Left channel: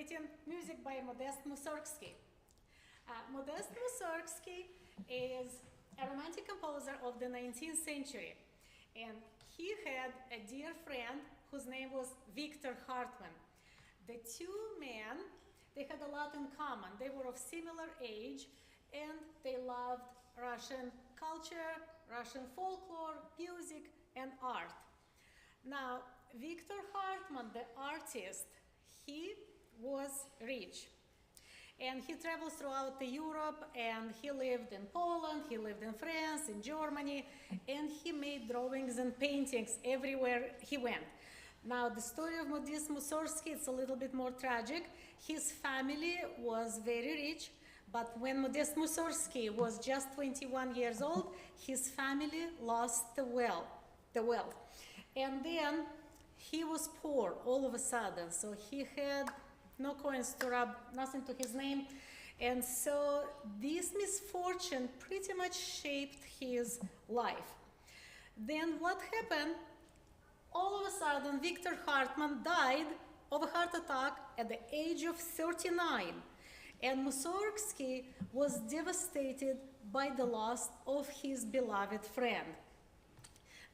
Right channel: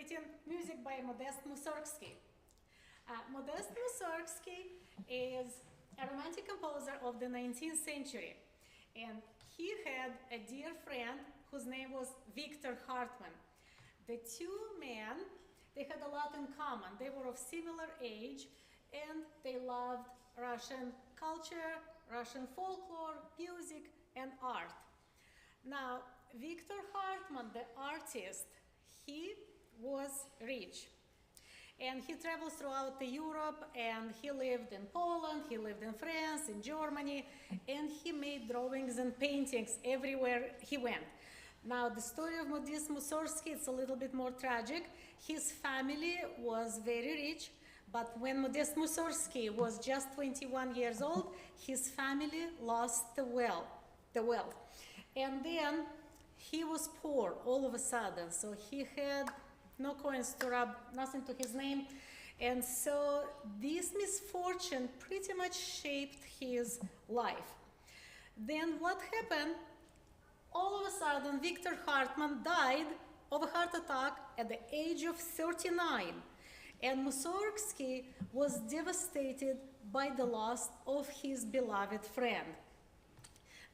celebrating music by Modest Mussorgksy. Modest Mussorgksy is a romantic composer of the 19th century, and he had a dear friend whose name was Victor Hartmann. The two men, they had a lot in common. They were of similar age, and they loved Russian culture, Russian folklore, music, and art. Now, Victor Hartmann, the artist, he was rich. And he traveled throughout Europe, and he lived in Poland, he lived in France, in Germany, and he made drawings and paintings everywhere he went. Now, the story of Modest Mussorgksy is a little bit more tragic. His family was very rich, but when Modest Mussorgksy was just 21 years old, his family lost the wealth. And then he was poor all of a sudden, so he had no coins to rub, nothing to his name. And so this misfortune pretty much shaped his life. Then what happened? All of a sudden, Victor Hartmann died of a heart attack at the age of 39. And Mussorgksy was devastated by the loss of his beloved friend.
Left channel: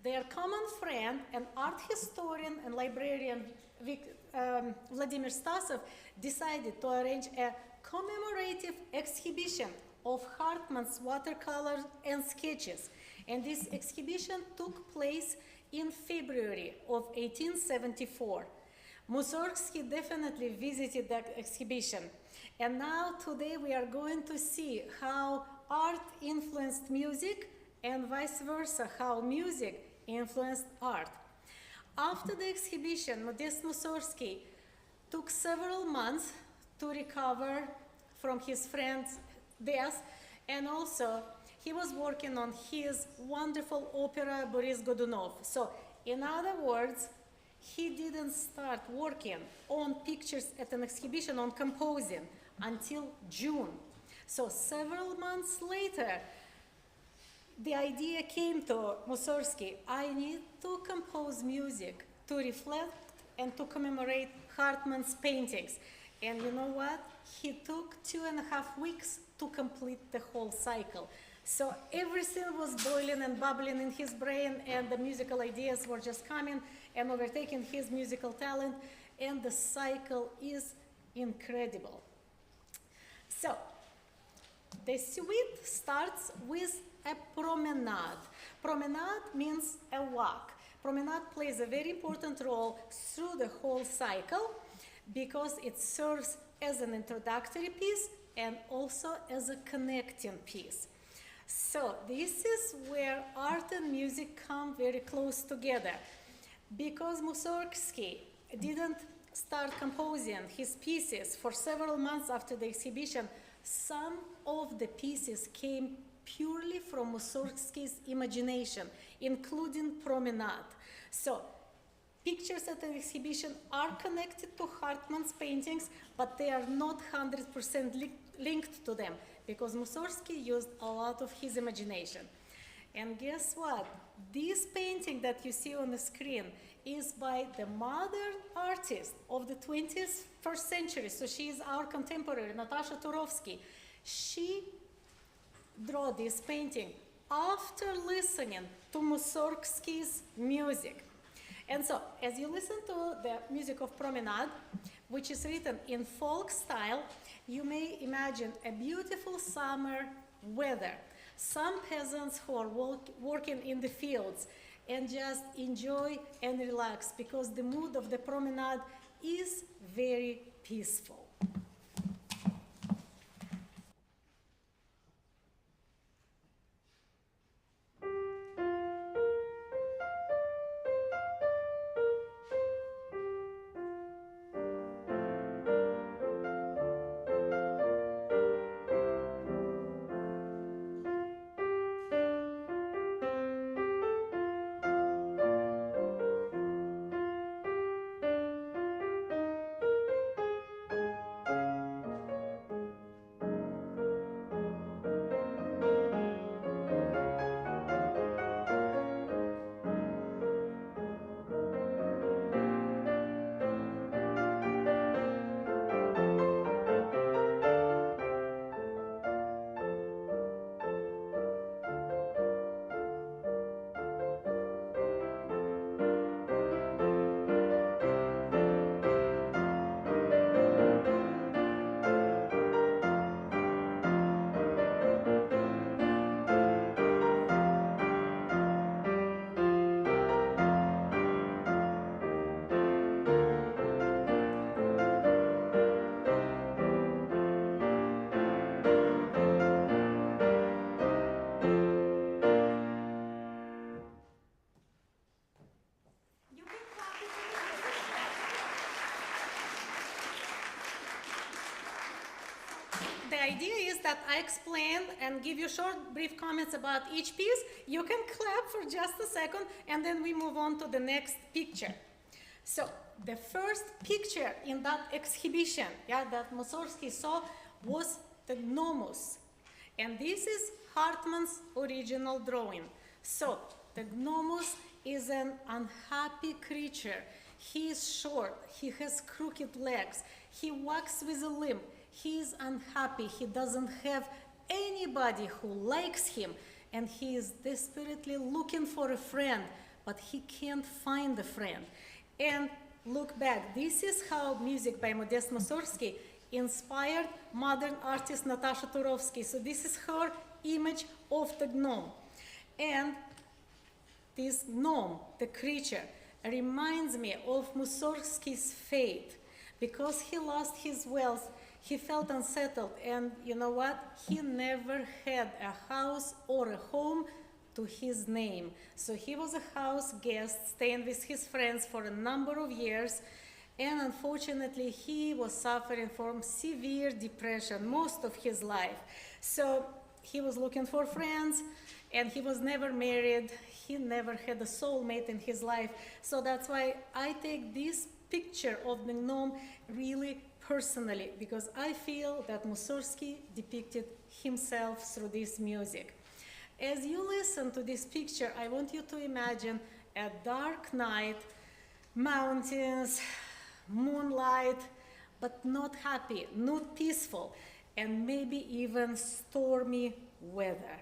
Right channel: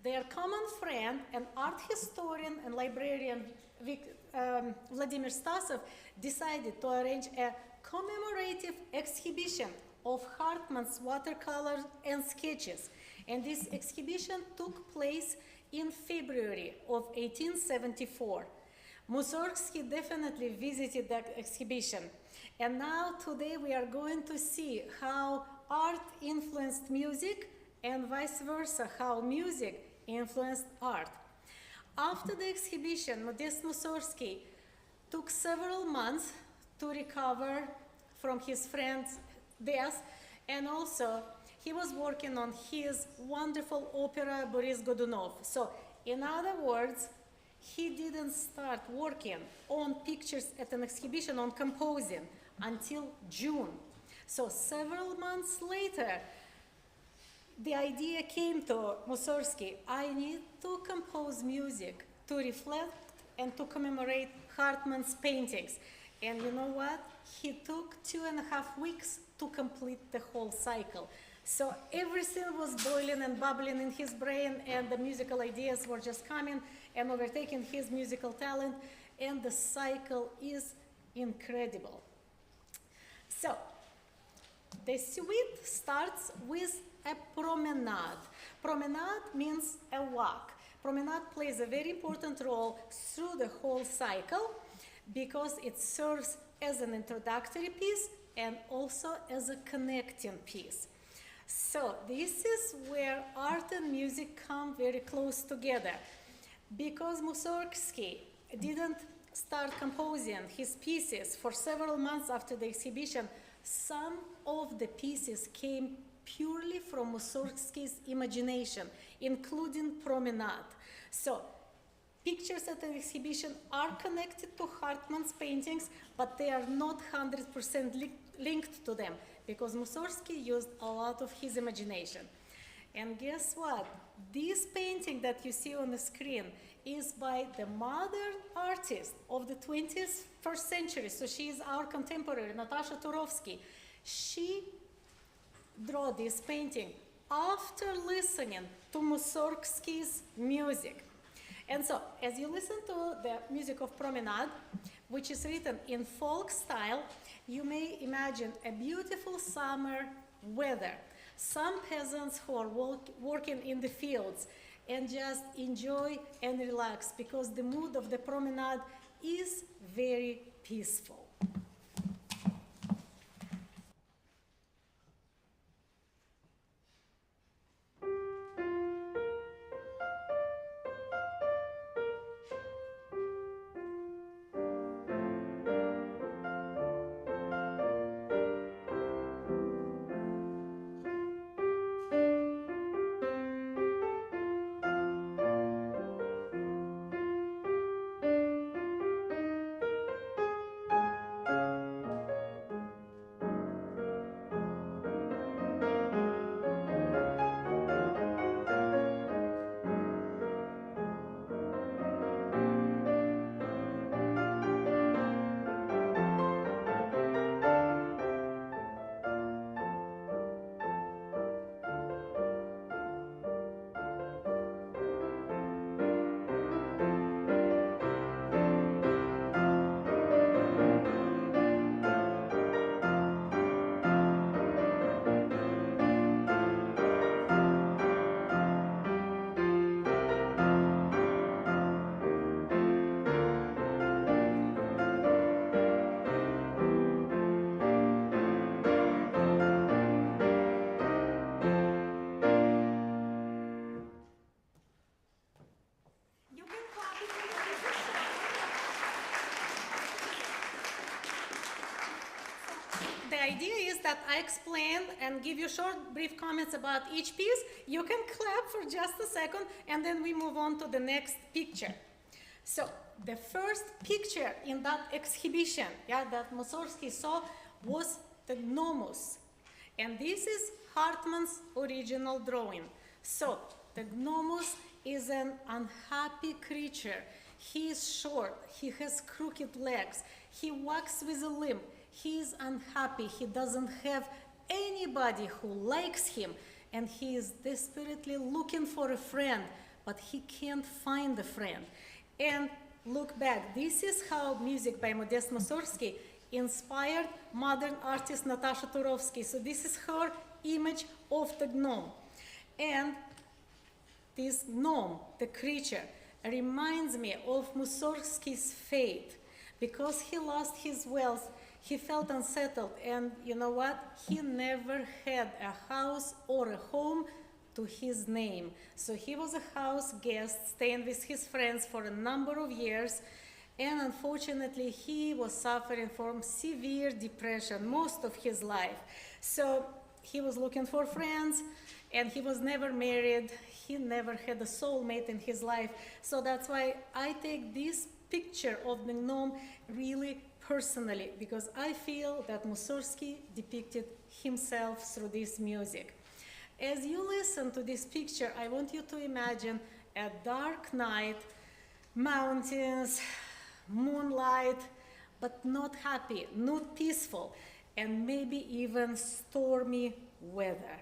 Their common friend, an art historian and librarian, Vladimir Stasov, decided to arrange a commemorative exhibition of Hartmann's watercolors and sketches. And this exhibition took place in February of 1874. Mussorgksy definitely visited that exhibition. And now today we are going to see how art influenced music and vice versa, how music influenced art. After the exhibition, Modest Mussorgksy took several months to recover from his friend's death, and also he was working on his wonderful opera Boris Godunov. So, in other words, he didn't start working on pictures at an exhibition on composing until June. So, several months later, the idea came to Mussorgksy: I need to compose music to reflect and to commemorate Hartmann's paintings. And you know what? He took 2.5 weeks to complete the whole cycle. So everything was boiling and bubbling in his brain, and the musical ideas were just coming and overtaking his musical talent, and the cycle is incredible. So, the suite starts with a promenade. Promenade means a walk. Promenade plays a very important role through the whole cycle because it serves as an introductory piece and also as a connecting piece. So this is where art and music come very close together. Because Mussorgksy didn't start composing his pieces for several months after the exhibition, some of the pieces came purely from Mussorgsky's imagination, including Promenade. So, pictures at the exhibition are connected to Hartmann's paintings, but they are not 100% linked to them, because Mussorgsky used a lot of his imagination. And guess what? This painting that you see on the screen is by the modern artist of the 21st century. So she is our contemporary, Natasha Turovsky. She drew this painting after listening to Mussorgsky's music. And so, as you listen to the music of Promenade, which is written in folk style, you may imagine a beautiful summer weather. Some peasants who are working in the fields and just enjoy and relax because the mood of the promenade is very peaceful. idea is that I explain and give you short, brief comments about each piece. You can clap for just a second, and then we move on to the next picture. So the first picture in that exhibition, that Mussorgsky saw was the gnomus. And this is Hartmann's original drawing. So the gnomus is an unhappy creature. He is short, he has crooked legs, he walks with a limp, he is unhappy, he doesn't have anybody who likes him, and he is desperately looking for a friend, but he can't find a friend. And look back, this is how music by Modest Mussorgsky inspired modern artist Natasha Turovsky. So this is her image of the gnome. And this gnome, the creature, reminds me of Mussorgsky's fate. Because he lost his wealth, he felt unsettled, and you know what? He never had a house or a home to his name. So he was a house guest, staying with his friends for a number of years, and unfortunately he was suffering from severe depression most of his life. So he was looking for friends, and he was never married. He never had a soulmate in his life. So that's why I take this picture of the gnome really personally, because I feel that Mussorgsky depicted himself through this music. As you listen to this picture, I want you to imagine a dark night, mountains, moonlight, but not happy, not peaceful, and maybe even stormy weather.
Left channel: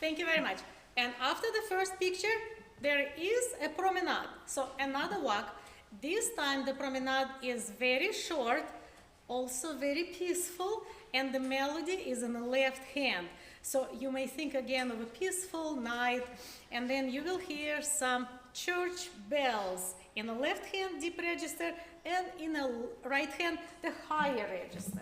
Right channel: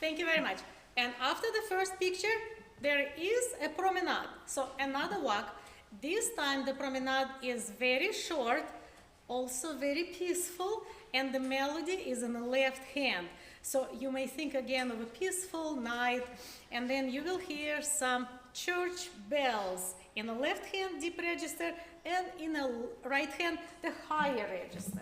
Thank you very much. And after the first picture, there is a promenade. So another walk. This time the promenade is very short, also very peaceful, and the melody is in the left hand. So you may think again of a peaceful night, and then you will hear some church bells in the left hand, deep register, and in the right hand, the higher register.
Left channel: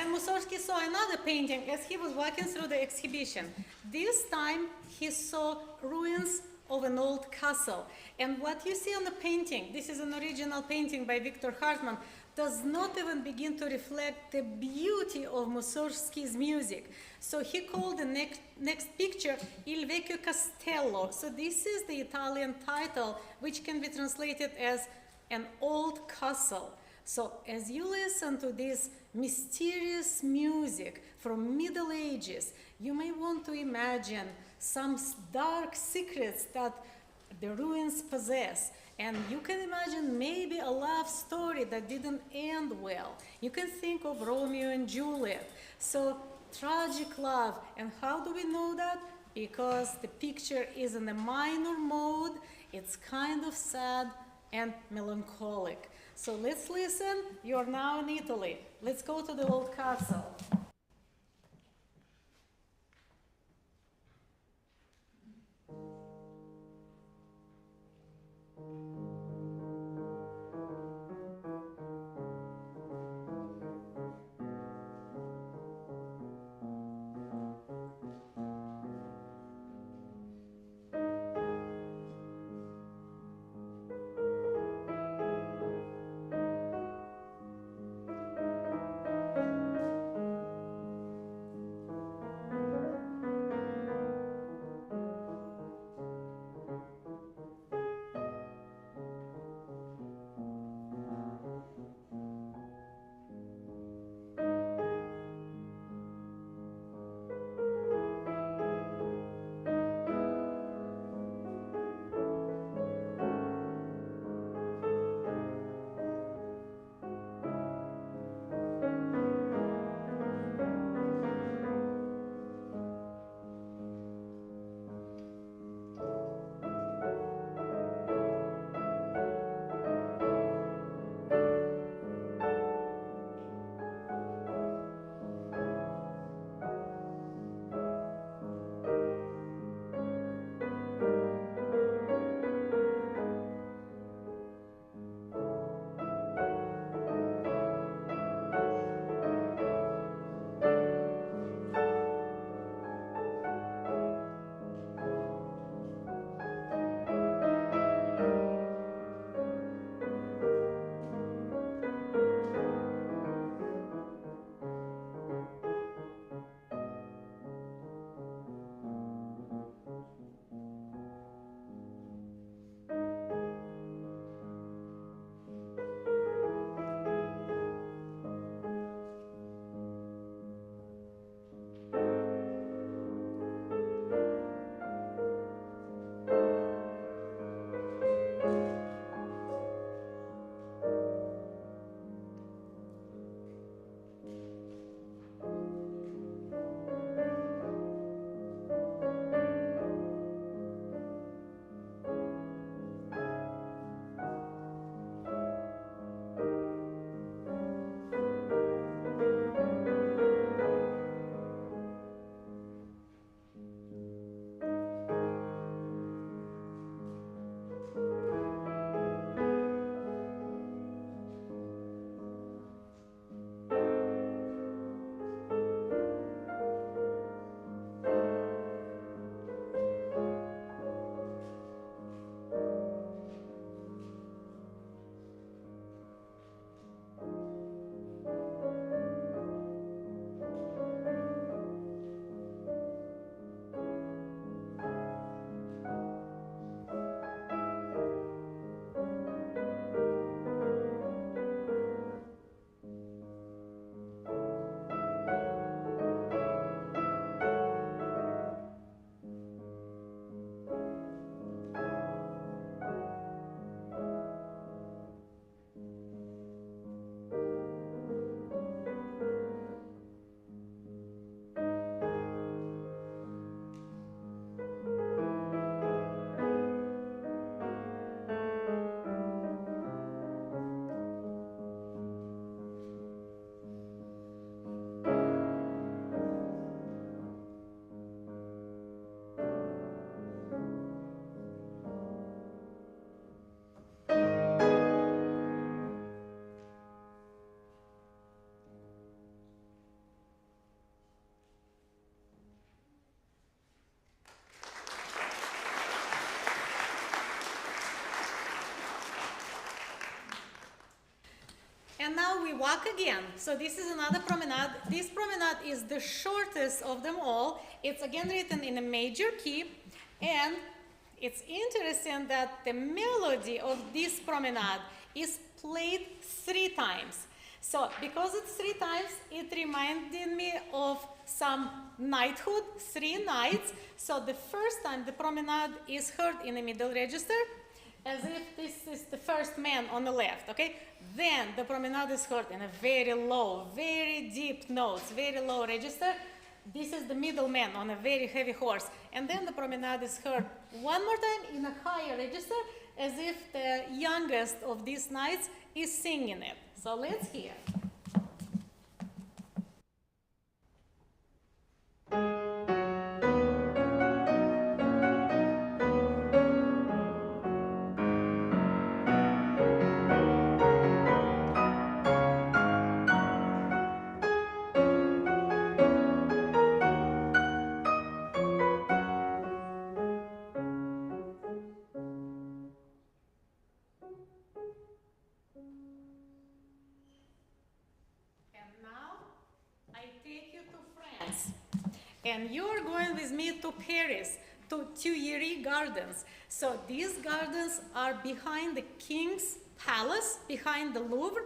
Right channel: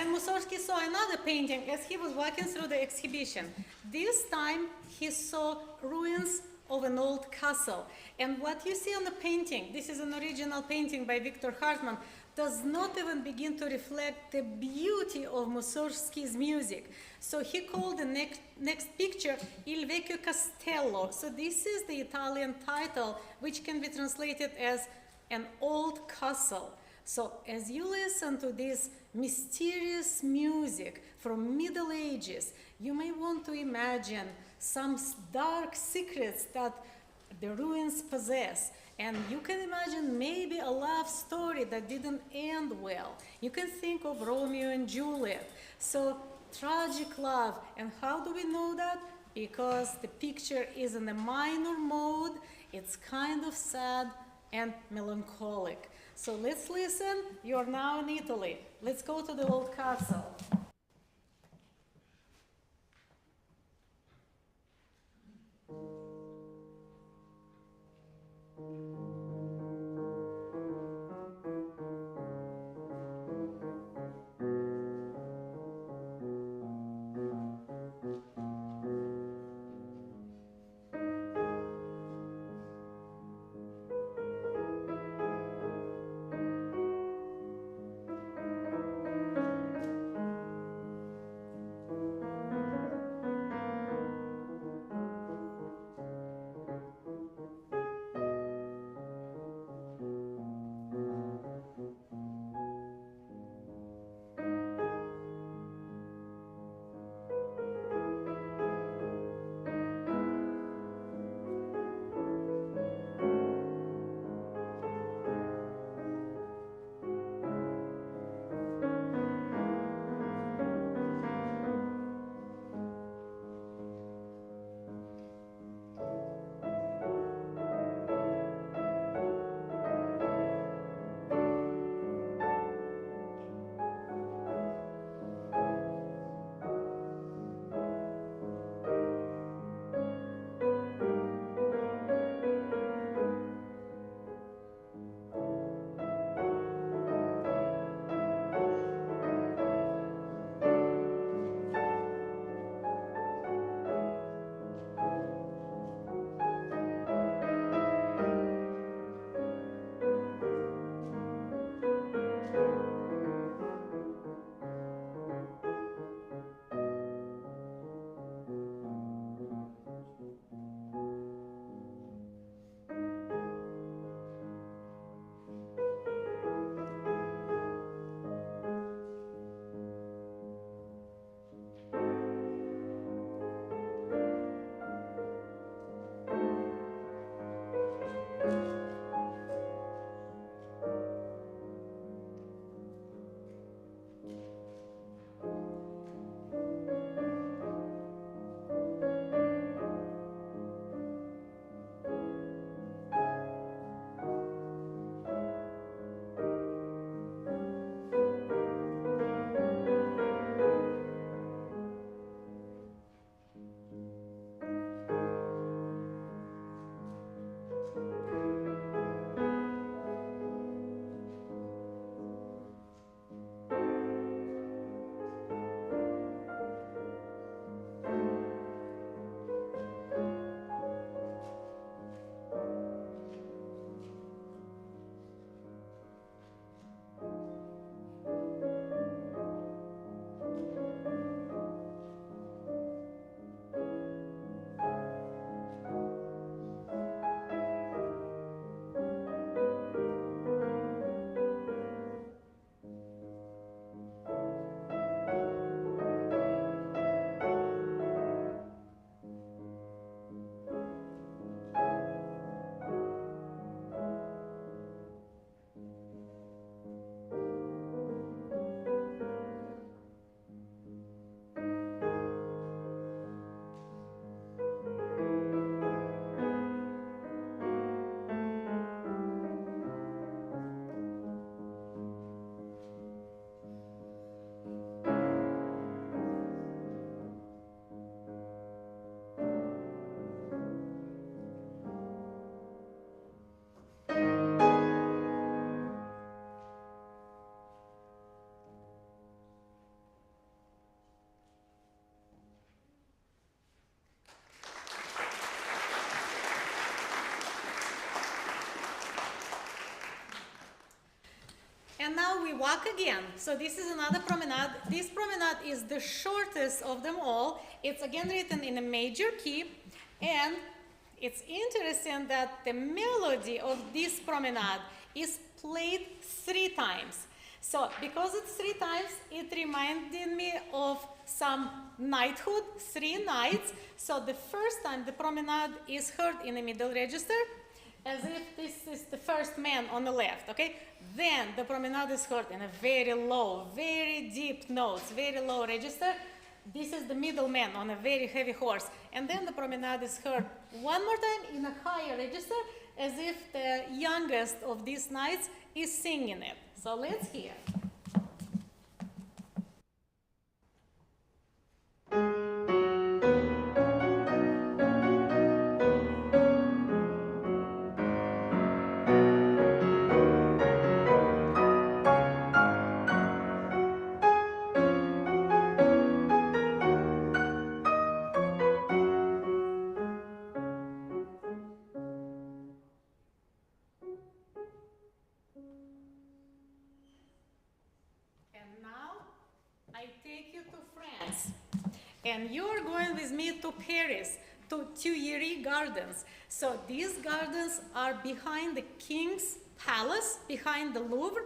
then Mussorgsky saw another painting as he was walking through the exhibition. This time he saw ruins of an old castle. And what you see on the painting, this is an original painting by Victor Hartmann, does not even begin to reflect the beauty of Mussorgsky's music. So he called the next picture Ilveco Castello. So this is the Italian title, which can be translated as an old castle. So as you listen to this mysterious music from Middle Ages, you may want to imagine some dark secrets that the ruins possess. And you can imagine maybe a love story that didn't end well. You can think of Romeo and Juliet. So tragic love. And how do we know that? Because the picture is in a minor mode. It's kind of sad and melancholic. So let's listen. You're now in Italy. Let's go to the old castle. And now we walk again. So this is another promenade. This promenade is the shortest of them all. It's again written in a major key. And it's interesting that the melody of this promenade is played 3 times. So because it's 3 times, it reminded me of some knighthood, 3 knights. So the first time the promenade is heard in the middle register, as if this is the first man on the left, okay? Then the promenade is heard in a very low, very deep notes, very low register. This is the middle man on a very heavy horse. And then the promenade is heard one more time in a higher register, as if the youngest of these knights is singing it. So let's hear. And you're going with me to Paris, to Tuileries Gardens. So these gardens are behind the King's Palace, behind the Louvre.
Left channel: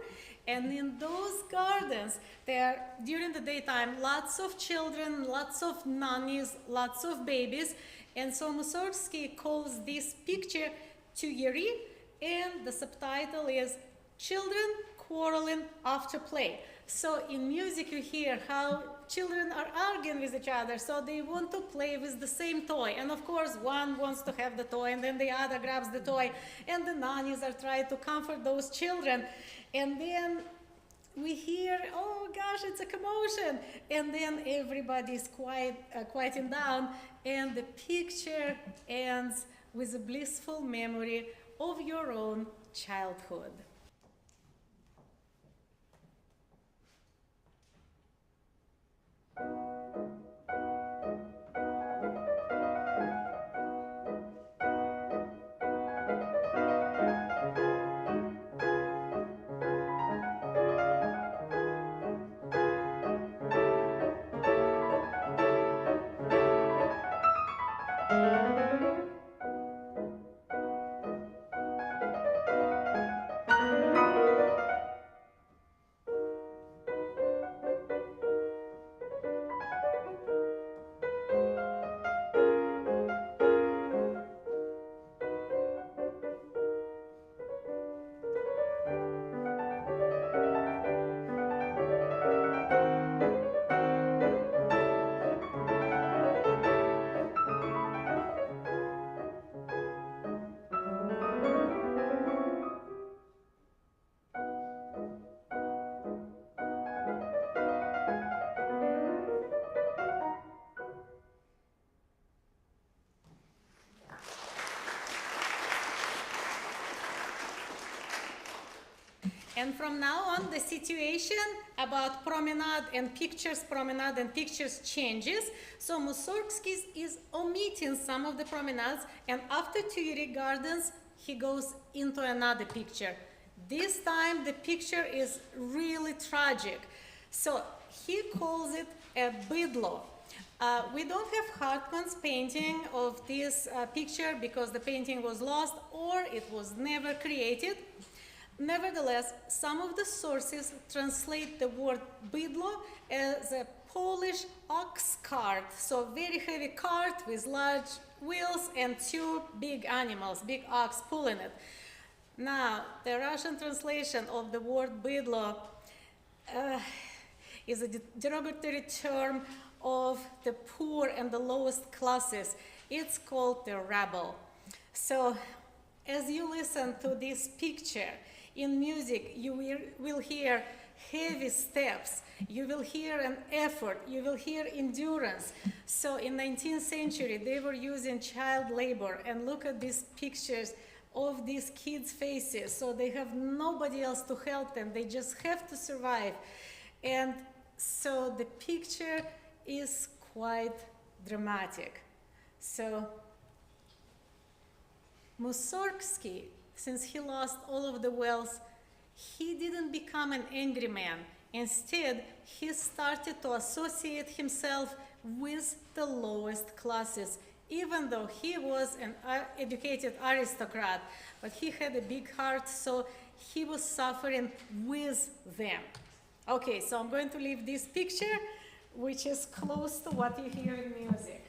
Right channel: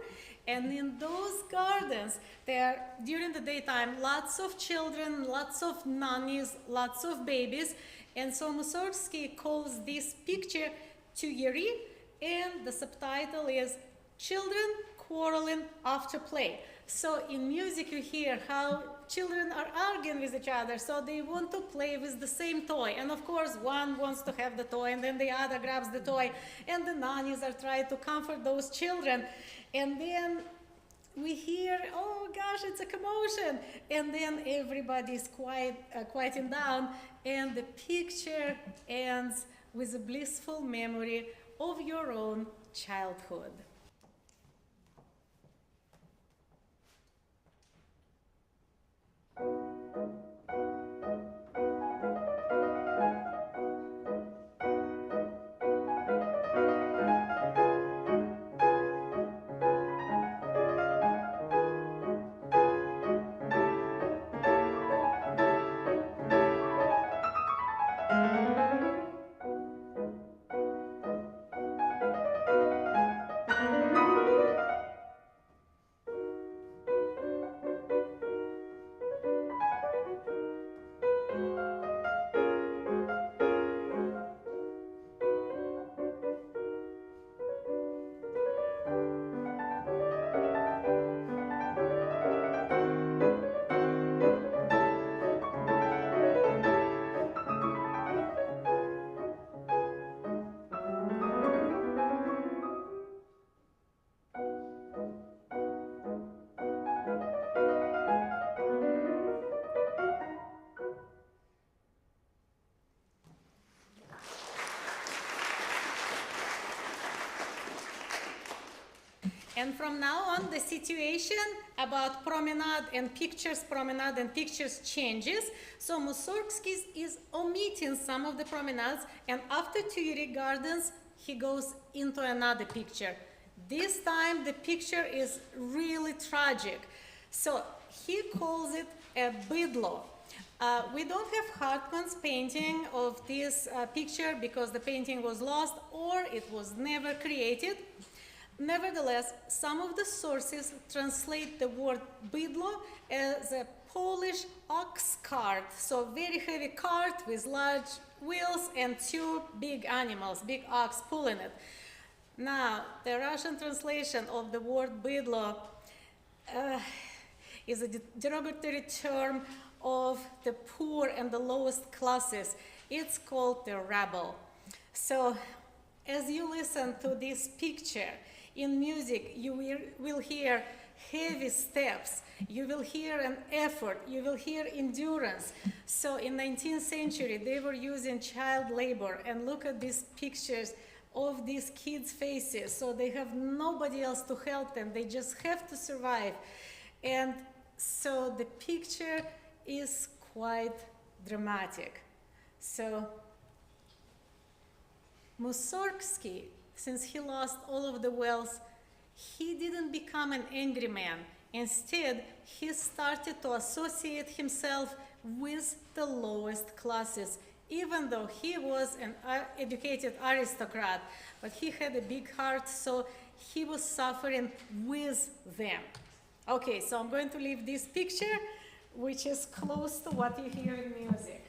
And in those gardens, there, during the daytime, lots of children, lots of nannies, lots of babies. And so Mussorgksy calls this picture Tuileries, and the subtitle is Children Quarreling After Play. So in music you hear how children are arguing with each other, so they want to play with the same toy. And of course one wants to have the toy and then the other grabs the toy, and the nannies are trying to comfort those children. And then we hear, oh gosh, it's a commotion. And then everybody's quieting down, and the picture ends with a blissful memory of your own childhood. And from now on, the situation about promenade and pictures changes. So Mussorgksy is omitting some of the promenades, and after Tuileries Gardens, he goes into another picture. This time, the picture is really tragic. So he calls it a Bydlo. We don't have Hartmann's painting of this picture because the painting was lost or it was never created. Nevertheless, some of the sources translate the word Bydlo as a Polish ox cart, so very heavy cart with large wheels and 2 big animals, big ox pulling it. Now, the Russian translation of the word Bydlo is a derogatory term of the poor and the lowest classes. It's called the rabble. So, as you listen to this picture, in music, you will hear heavy steps, you will hear an effort, you will hear endurance. So in 19th century, they were using child labor, and look at these pictures of these kids' faces. So they have nobody else to help them, they just have to survive. And so the picture is quite dramatic. So Mussorgksy, since he lost all of the wealth, he didn't become an angry man. Instead, he started to associate himself with the lowest classes, even though he was an educated aristocrat, but he had a big heart, so he was suffering with them. Okay, so I'm going to leave this picture, which is close to what you hear in music.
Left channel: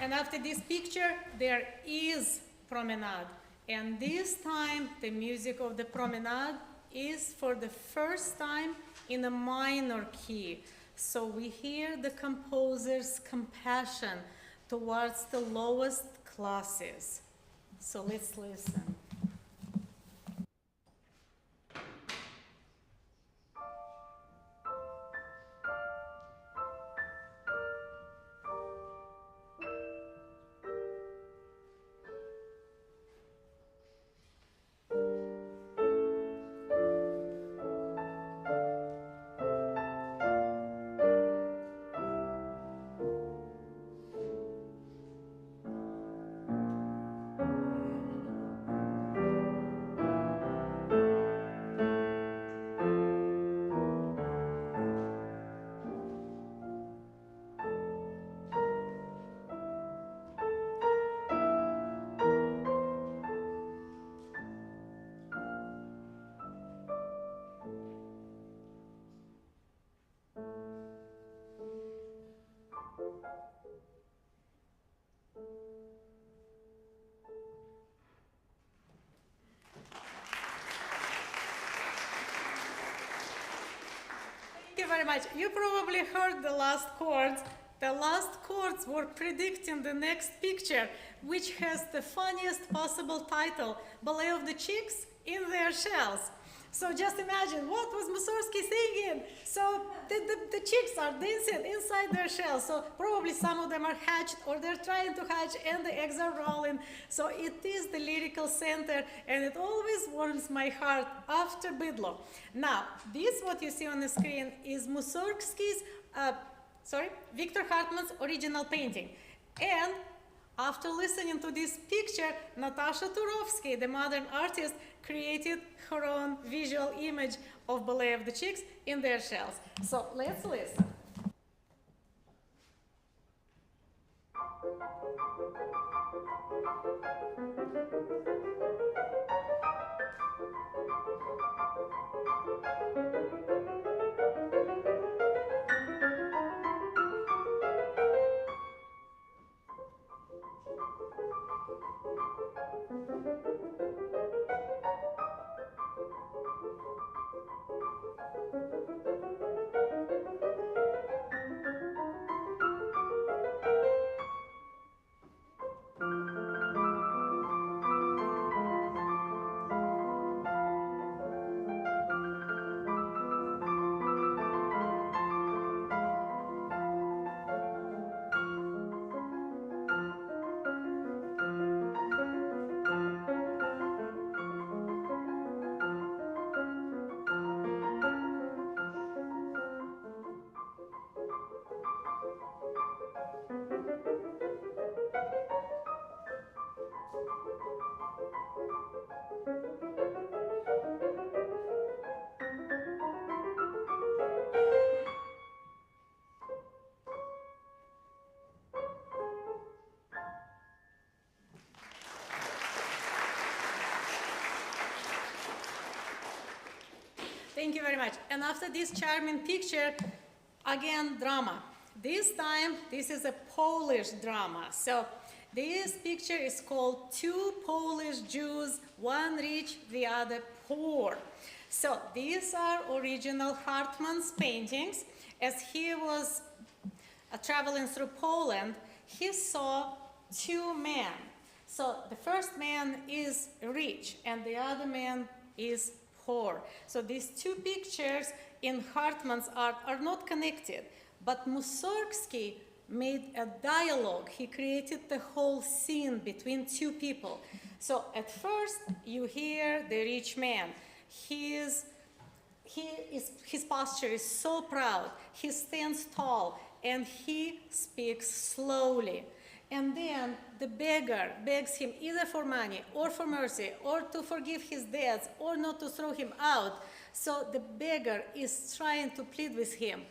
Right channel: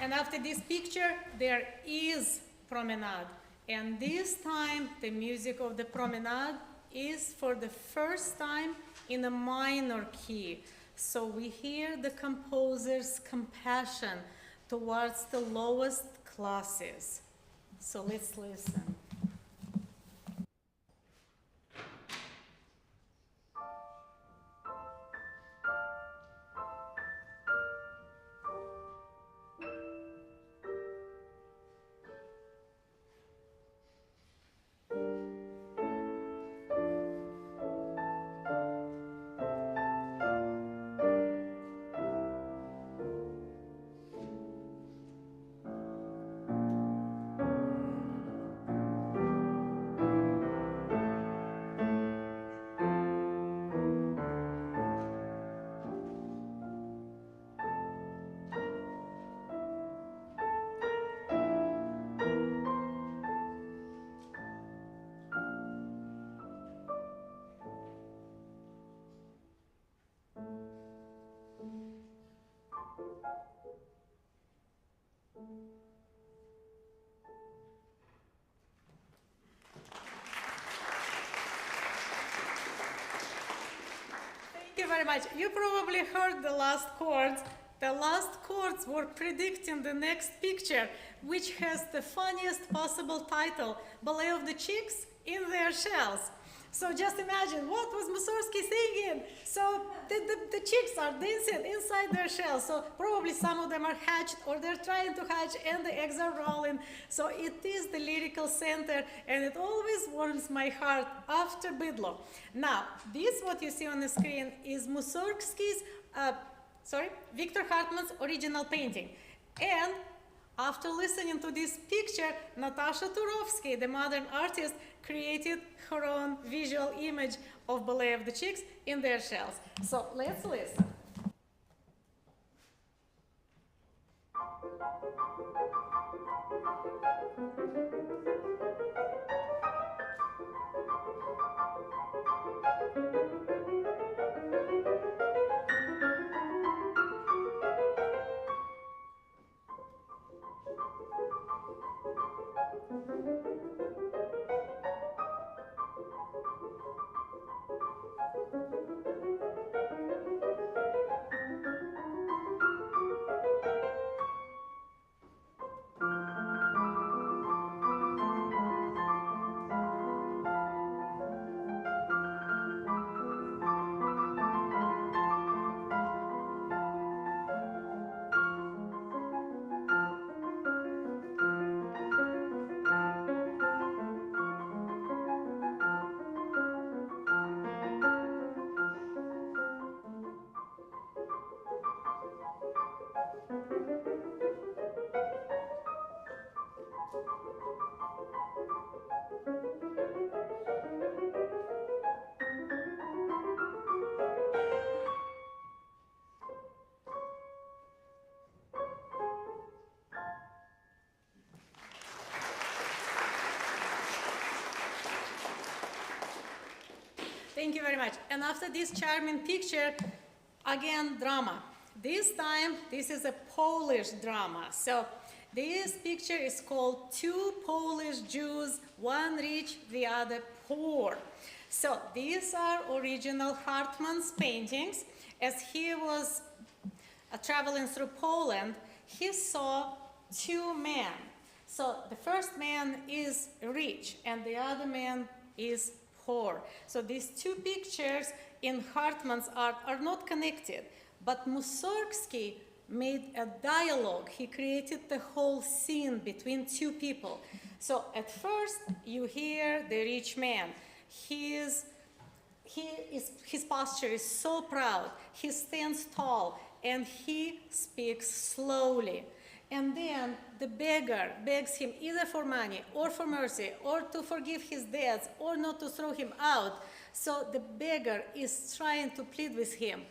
And after this picture, there is Promenade. And this time, the music of the Promenade is for the first time in a minor key. So we hear the composer's compassion towards the lowest classes. So let's listen. Thank you very much. You probably heard the last chords. The last chords were predicting the next picture, which has the funniest possible title, Ballet of the Chicks in Their Shells. So just imagine, what was Mussorgsky thinking? So the chicks are dancing inside their shells. So probably some of them are hatched or they're trying to hatch and the eggs are rolling. So it is the lyrical center and it always warms my heart after Bydlo. Now, this what you see on the screen is Mussorgsky's, Victor Hartmann's original painting. And after listening to this picture, Natasha Turovsky, the modern artist, created her own visual image of Ballet of the Chicks in their shells. So let's listen. Thank you very much. And after this charming picture, again, drama. This time, this is a Polish drama. So this picture is called Two Polish Jews, one rich, the other poor. So these are original Hartmann's paintings. As he was traveling through Poland, he saw two men. So the first man is rich and the other man is poor. So these two pictures in Hartmann's art are not connected, but Mussorgsky made a dialogue. He created the whole scene between two people. So at first you hear the rich man. His posture is so proud. He stands tall and he speaks slowly. And then the beggar begs him either for money or for mercy or to forgive his debts or not to throw him out. So the beggar is trying to plead with him.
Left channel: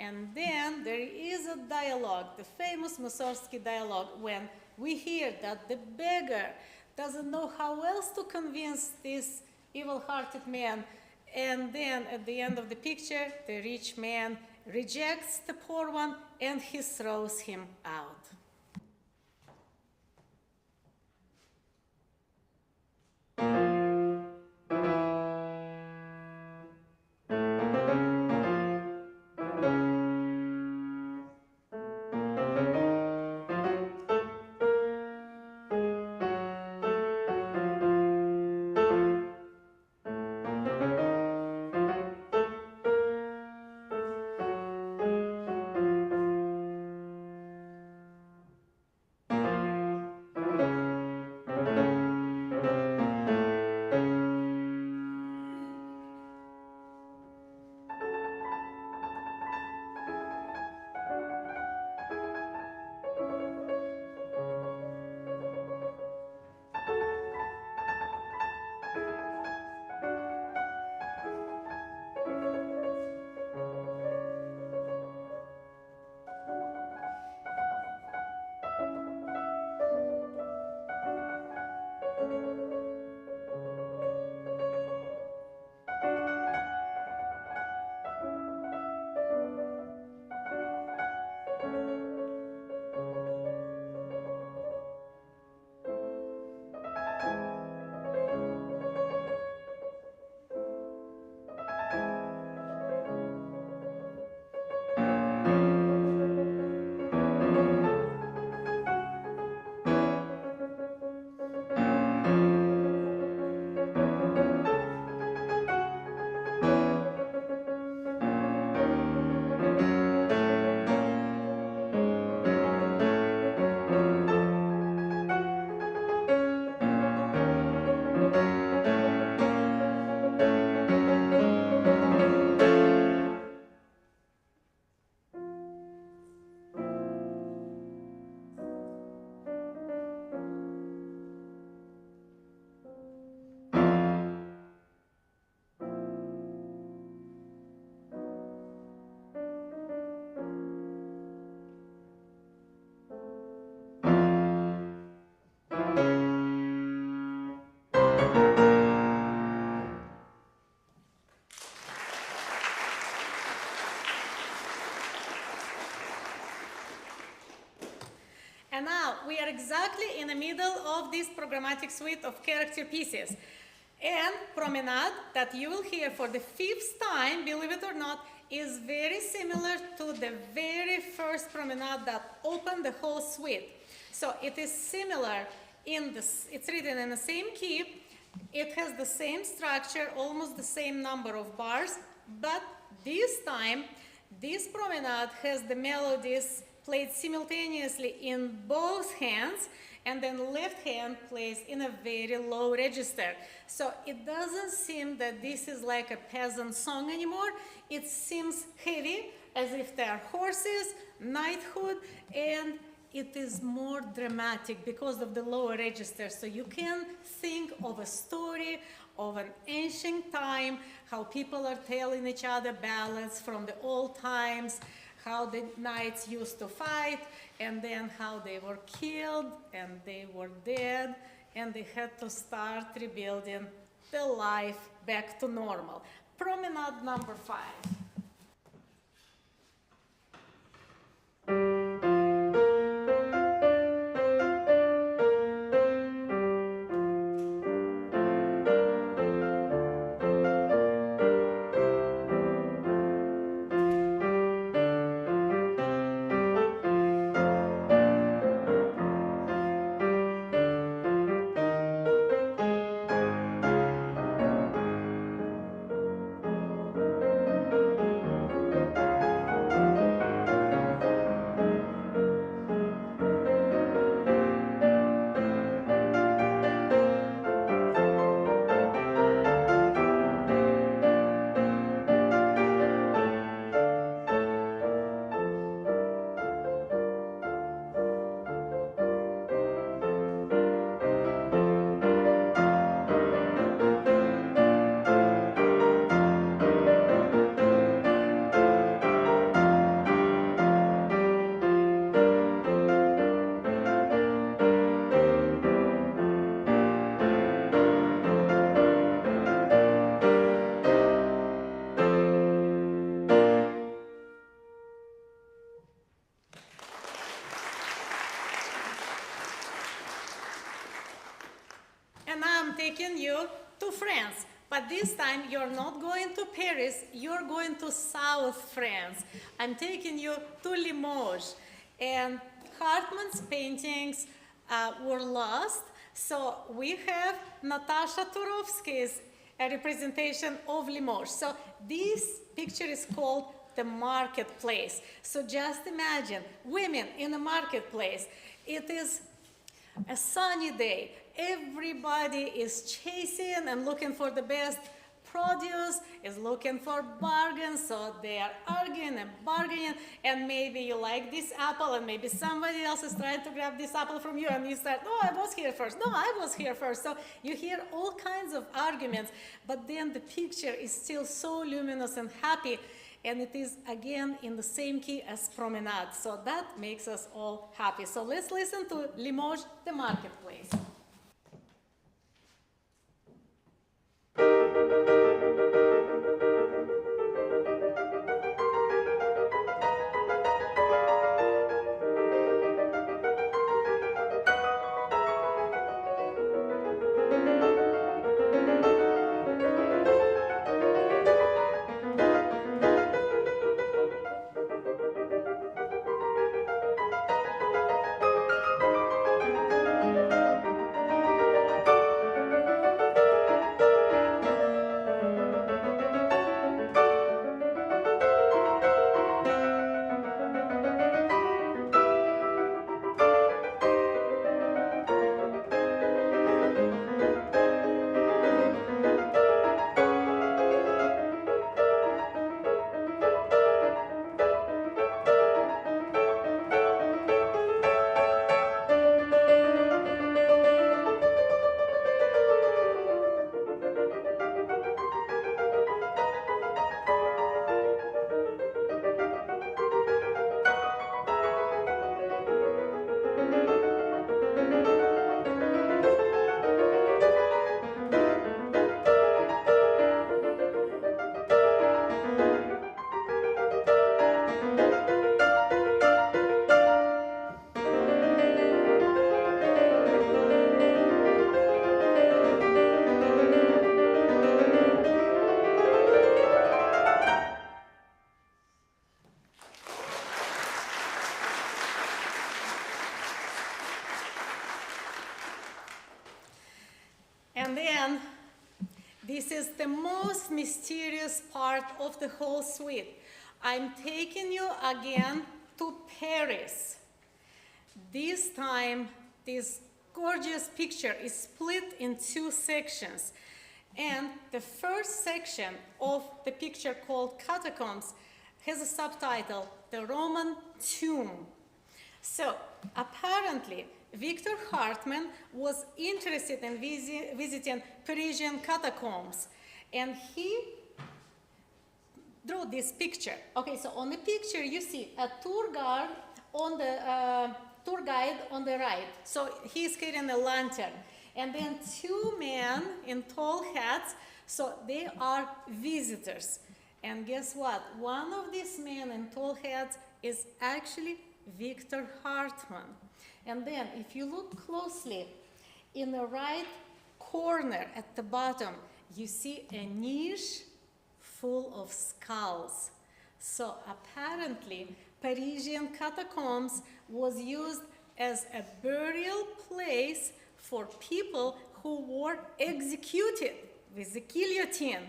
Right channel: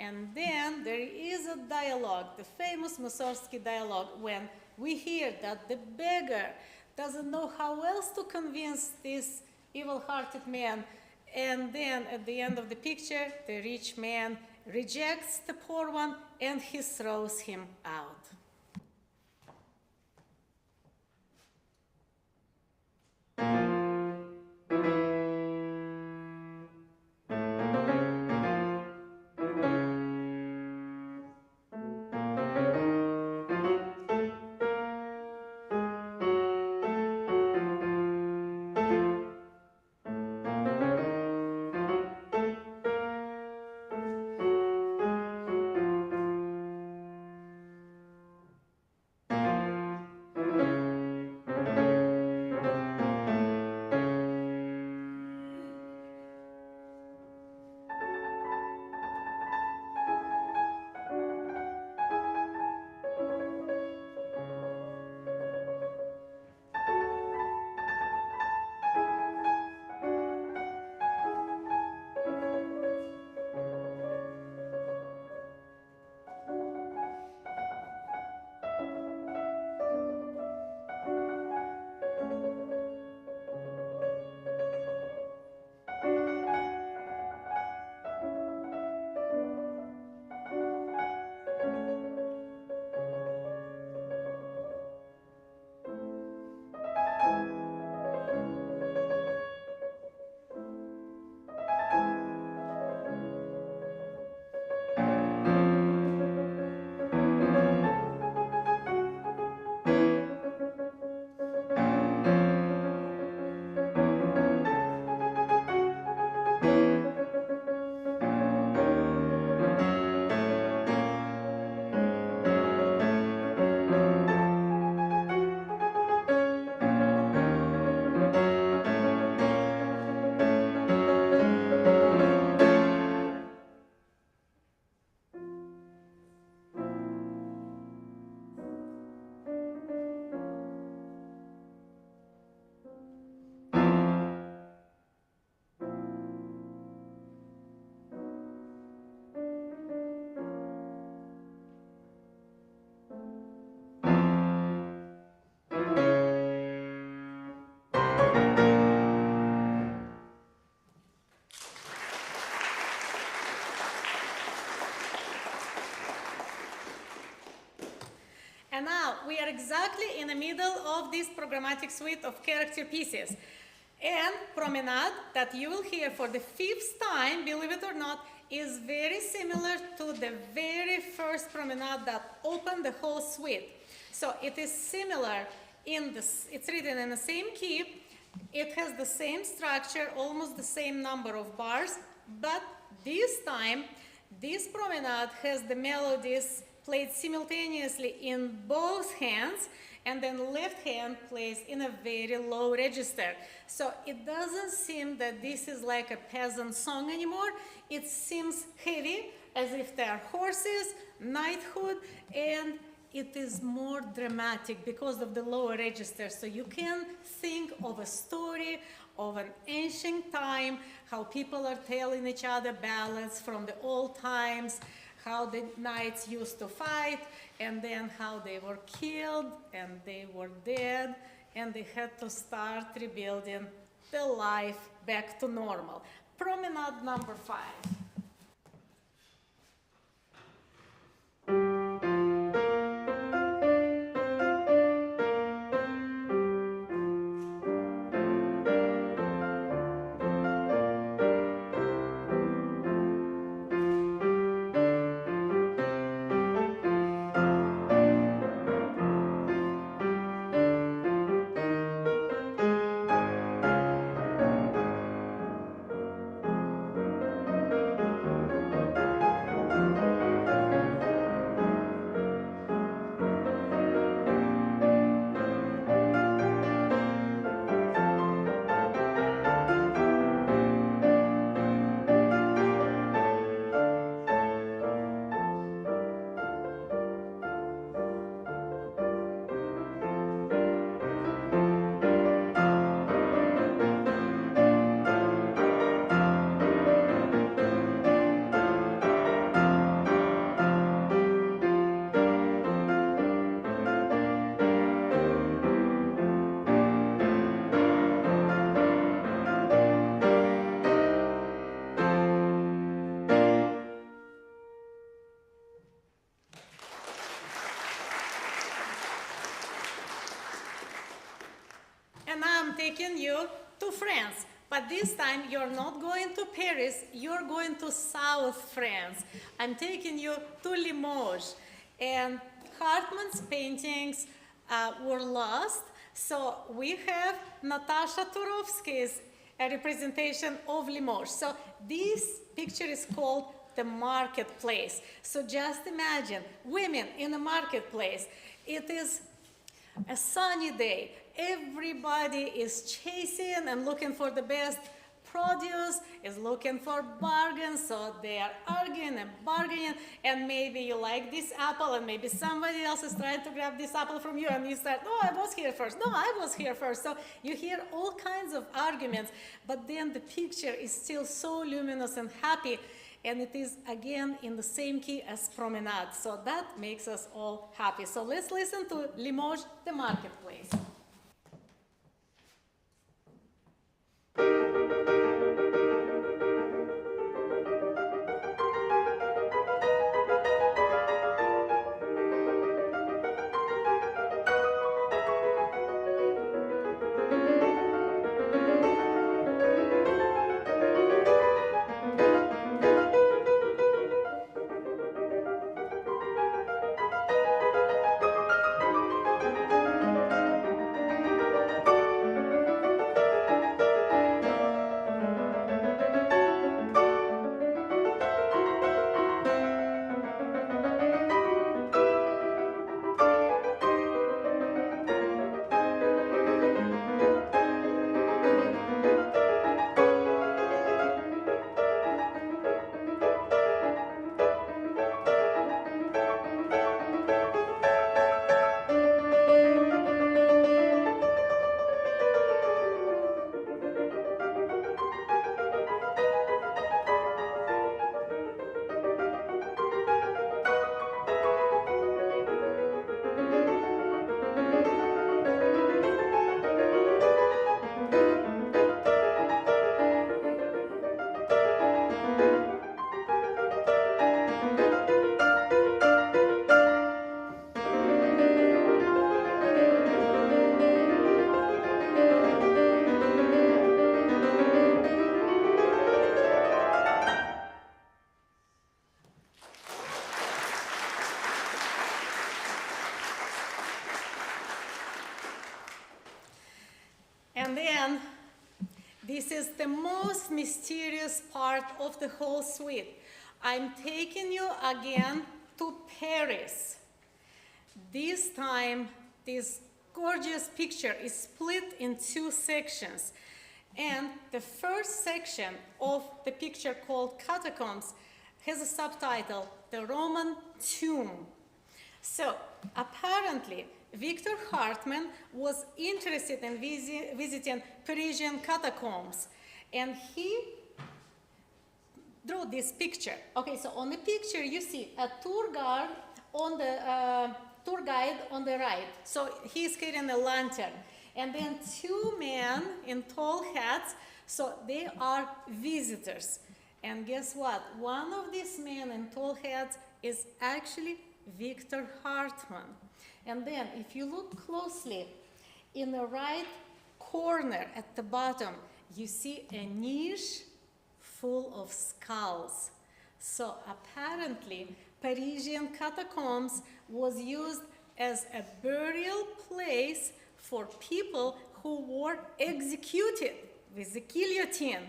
And then there is a dialogue, the famous Mussorgsky dialogue, when we hear that the beggar doesn't know how else to convince this evil-hearted man. And then at the end of the picture, the rich man rejects the poor one and he throws him out. And now we are exactly in the middle of this programmatic suite of character pieces. And Promenade, that you will hear for the 5th time, believe it or not, is very similar to the very first Promenade that opened the whole suite. So it is similar in this, it's written in the same key, it has the same structure, almost the same number of bars, but this time, this Promenade has the melodies played simultaneously in both hands, and then left hand plays in a very low register. So it doesn't seem that this is like a peasant song anymore. It seems heavy, as if there are horses, knighthood, and it is more dramatic because of the lower register. So you can think of a story of an ancient time, how people are telling each other ballads from the old times, how the knights used to fight, and then how they were killed, and they were dead, and they had to start rebuilding the life back to normal. Promenade number 5. And now I'm taking you to France. But this time you're not going to Paris, you're going to South France. I'm taking you to Limoges. And Hartmann's paintings were lost, so we have Natasha Turovsky's representation of Limoges. So this picture is called the marketplace. So just imagine women in a marketplace. It is a sunny day. Everybody is chasing and looking for the best produce, is looking for bargains, so they are arguing and bargaining, and maybe you like this apple and maybe somebody else is trying to grab this apple from you, and you start, oh, I was here first, no, I was here first. So you hear all kinds of arguments, but then the picture is still so luminous and happy, and it is again in the same key as Promenade. So that makes us all happy. So let's listen to Limoges, the marketplace. This is the most mysterious part of the whole suite. I'm taking you again to Paris. This time, this gorgeous picture is split in two sections. And the first section of the picture, called Catacombs, has a subtitle, The Roman Tomb. So apparently, Victor Hartmann was interested in visiting Parisian catacombs, and he drew this picture. Okay, so on the picture you see a tour guide on the right. So he's carrying a lantern, and then two men in tall hats. So they are visitors. And guess what? One of these men in tall hats is actually Victor Hartmann. And then if you look closely, in the right corner at the bottom, you see a niche full of skulls. So apparently, Parisian catacombs was used as a burial place for people who were executed with the guillotine.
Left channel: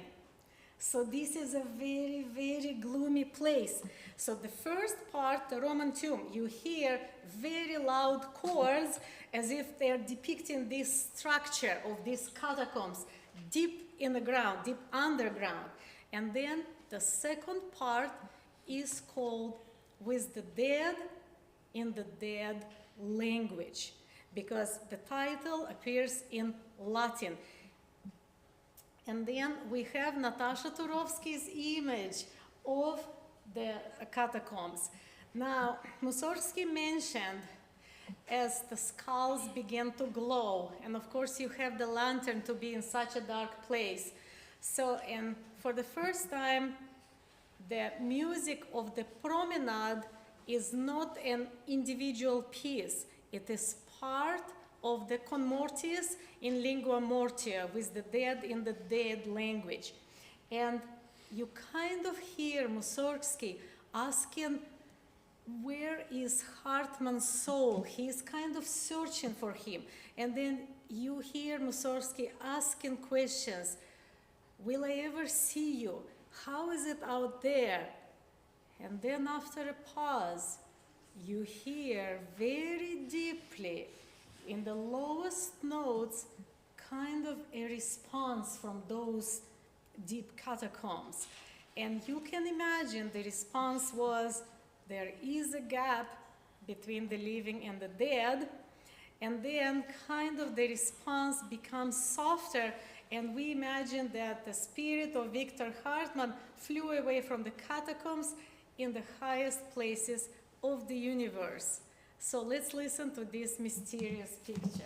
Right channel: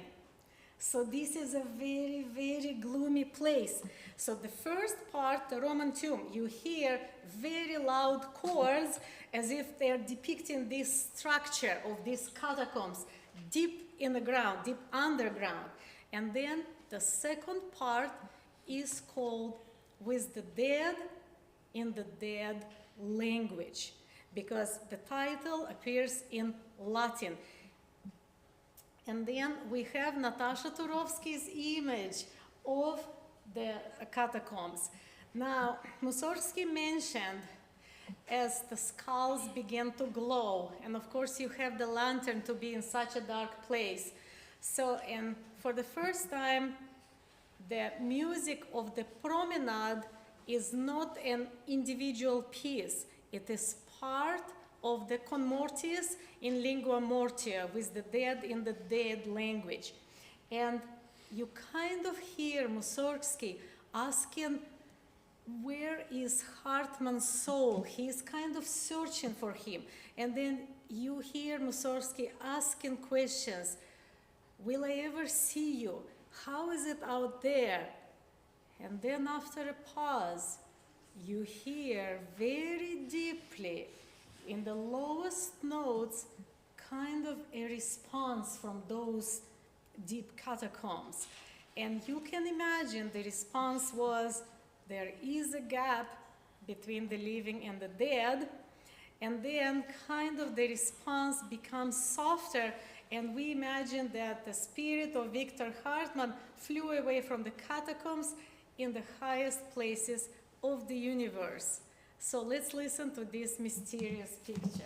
So this is a very, very gloomy place. So the first part, the Roman tomb, you hear very loud chords as if they're depicting this structure of these catacombs deep in the ground, deep underground. And then the second part is called With the Dead in the Dead Language, because the title appears in Latin. And then we have Natasha Turovsky's image of the catacombs. Now, Mussorgksy mentioned as the skulls began to glow, and of course you have the lantern to be in such a dark place. So, and for the first time, the music of the Promenade is not an individual piece. It is part of the conmortius in lingua mortia, with the dead in the dead language. And you kind of hear Mussorgksy asking, where is Hartmann's soul? He's kind of searching for him. And then you hear Mussorgksy asking questions. Will I ever see you? How is it out there? And then after a pause, you hear very deeply, in the lowest notes, kind of a response from those deep catacombs. And you can imagine the response was, there is a gap between the living and the dead. And then kind of the response becomes softer, and we imagine that the spirit of Victor Hartmann flew away from the catacombs in the highest places of the universe. So let's listen to this mysterious picture.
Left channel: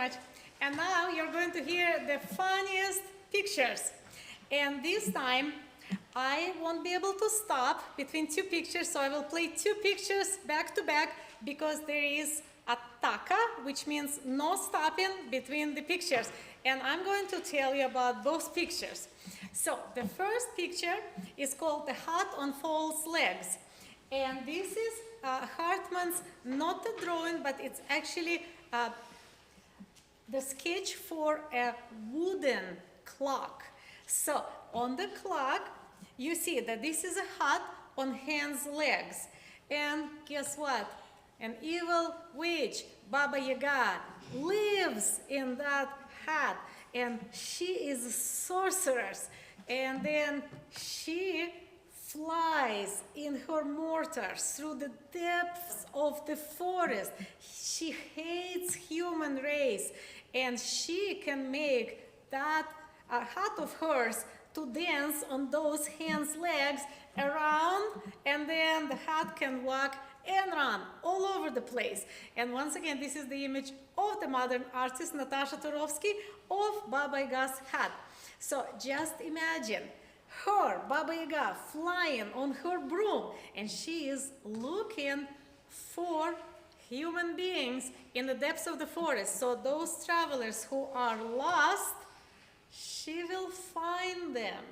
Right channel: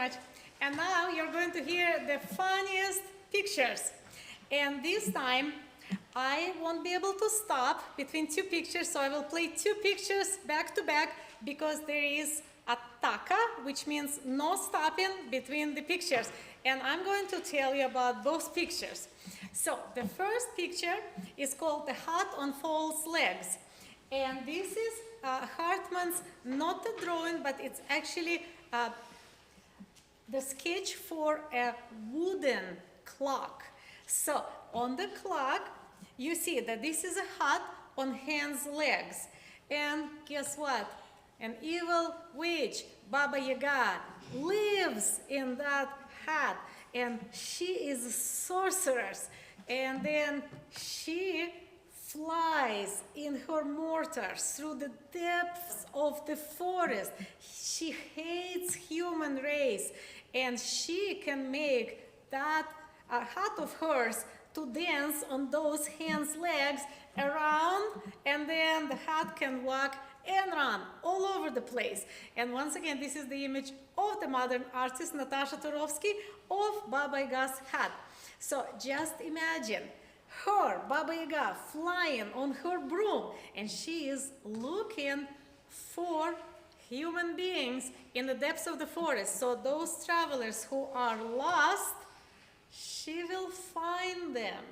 much. And now you're going to hear the funniest pictures. And this time, I won't be able to stop between two pictures, so I will play two pictures back to back because there is a taka, which means no stopping between the pictures. And I'm going to tell you about both pictures. So the first picture is called The Hat on Fowl's Legs. And this is Hartmann's, not a drawing, but it's actually the sketch for a wooden clock. So on the clock, you see that this is a hat on hen's legs. And guess what? An evil witch, Baba Yaga, lives in that hat. And she is a sorceress. And then she flies in her mortar through the depths of the forest. She hates human race. And she can make that hat of hers to dance on those hen's legs around, and then the hat can walk and run all over the place. And once again, this is the image of the modern artist Natasha Turovsky of Baba Yaga's hat. So just imagine her, Baba Yaga, flying on her broom, and she is looking for human beings in the depths of the forest. So those travelers who are lost, she will find them.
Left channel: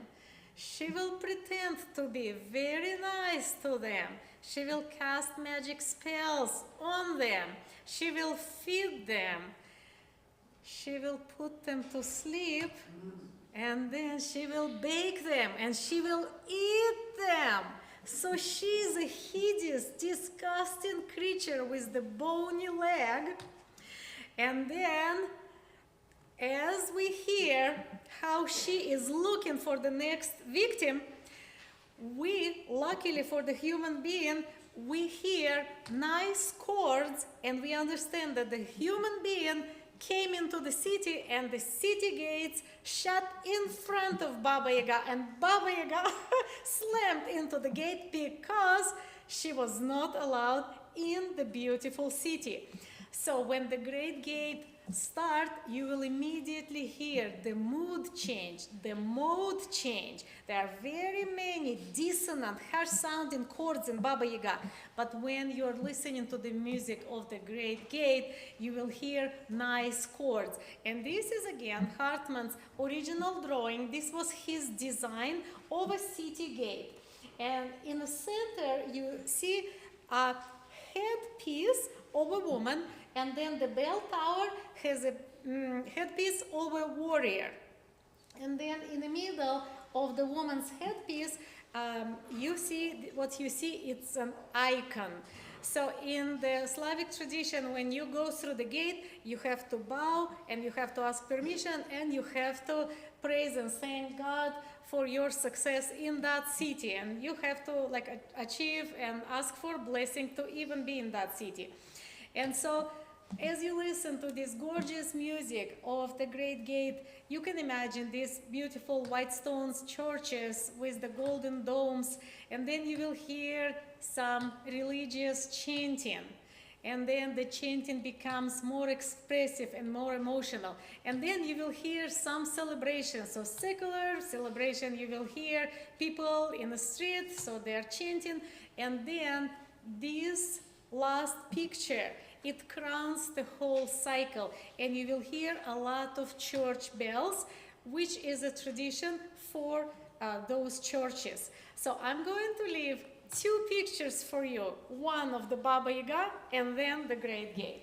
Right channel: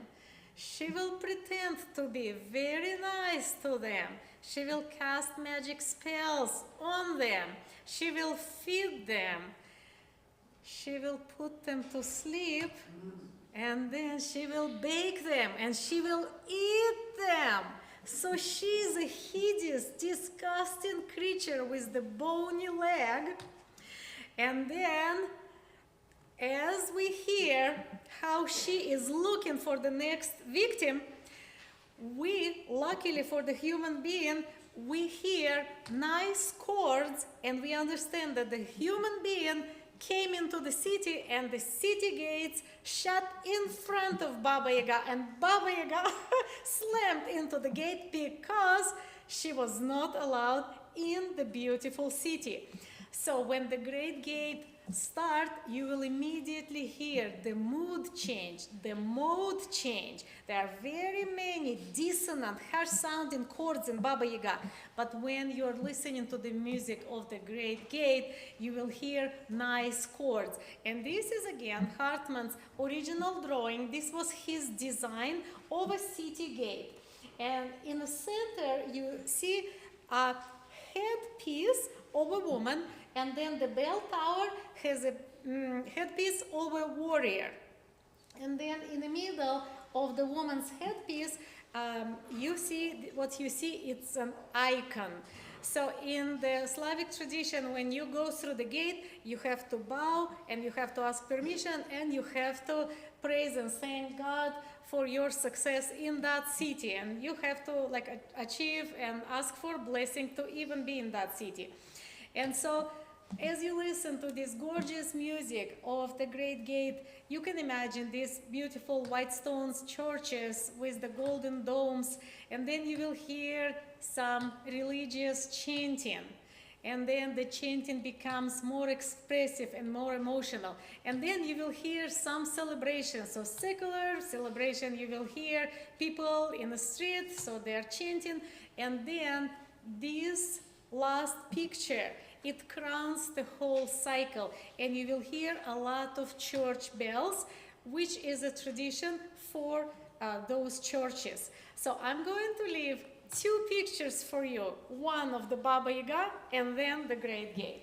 She will pretend to be very nice to them. She will cast magic spells on them. She will feed them. She will put them to sleep, and then she will bake them, and she will eat them. So she is a hideous, disgusting creature with the bony leg. And then, as we hear how she is looking for the next victim, we, luckily for the human being, we hear nice chords, and we understand that the human being came into the city, and the city gates shut in front of Baba Yaga, and Baba Yaga slammed into the gate because she was not allowed in the beautiful city. So when the great gate starts, you will immediately hear the mood change, the mode change. There are very many dissonant, harsh-sounding chords in Baba Yaga, but when you're listening to the music of the great gate, you will hear nice chords. And this is again Hartmann's original drawing. This was his design of a city gate. And in the center, you see a headpiece of a woman, and then the bell tower has a headpiece of a warrior. And then in the middle of the woman's headpiece, you see what you see, it's an icon. So in the Slavic tradition, when you go through the gate, you have to bow, and you have to ask permission, and you have to praise and thank God for your success in that city. And you have to achieve and ask for blessing to even be in that city. And so, as you listen to this gorgeous music of the Great Gate, you can imagine these beautiful white stone churches with the golden domes, and then you will hear some religious chanting. And then the chanting becomes more expressive and more emotional. And then you will hear some celebration. So secular celebration, you will hear people in the street, so they are chanting. And then this last picture, it crowns the whole cycle, and you will hear a lot of church bells, which is a tradition for those churches. So I'm going to leave two pictures for you, one of the Baba Yaga and then the Great Gate.